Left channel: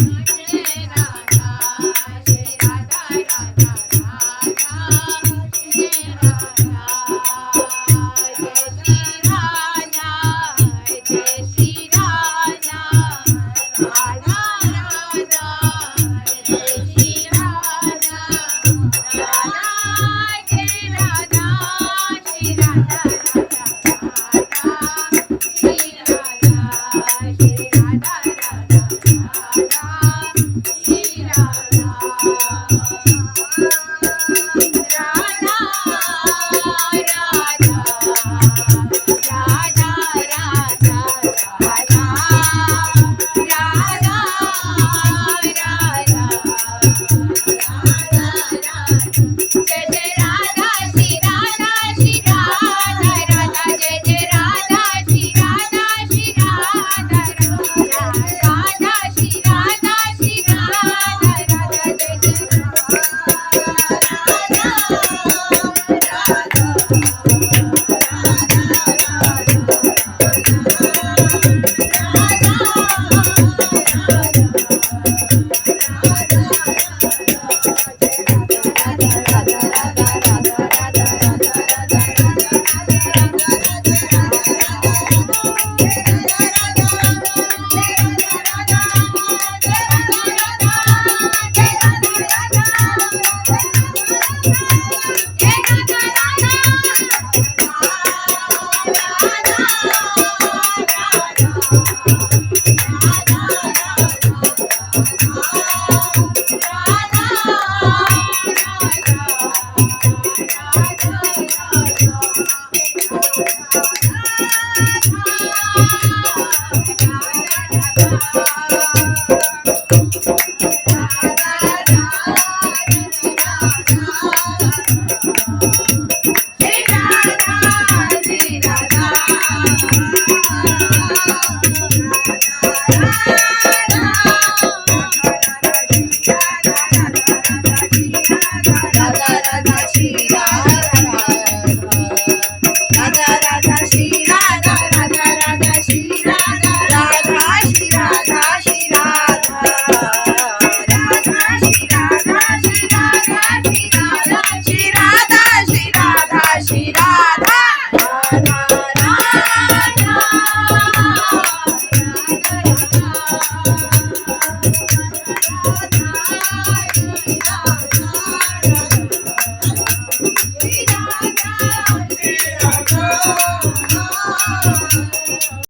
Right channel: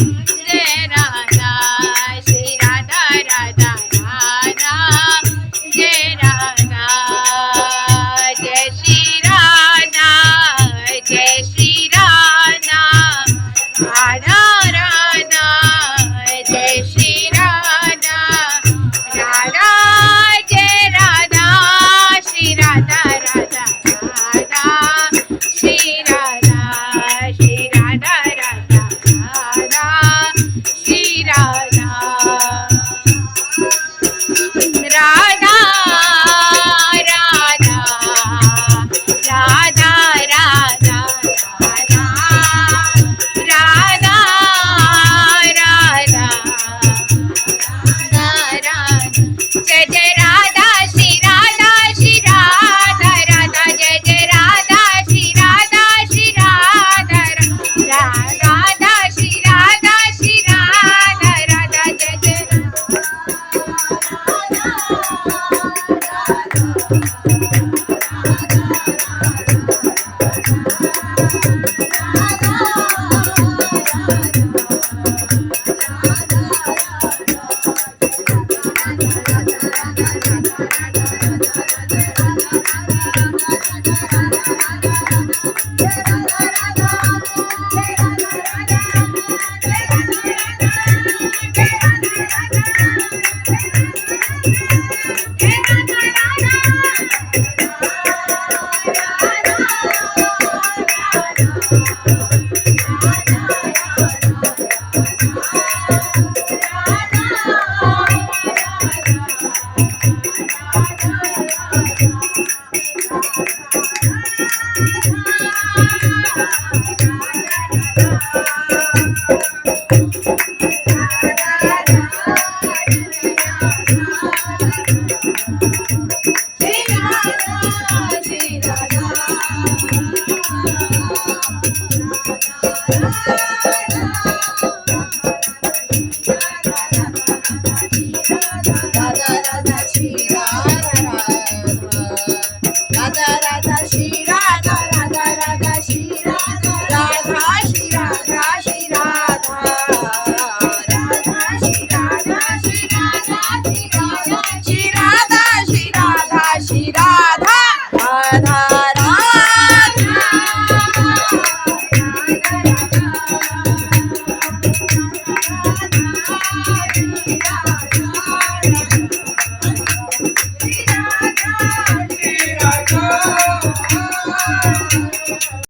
Jai Radha Shri Radha Radha Radha Jai Radha Jai Shri Radha Jai Shri Radha Radha Radha Jai Shri Radha Radha Jai Radha Shri Radha Radha Radha Shri Radha Shri Radha Radha Radha Shri Radha Radha Radha Radha Radha Radha Radha Radha Jai Jai Radha Shri Radha Shri Radha Radha Jai Jai Radha Shri Radha Shri Radha Radha Shri Radha Shri Radha Radha Jai Jai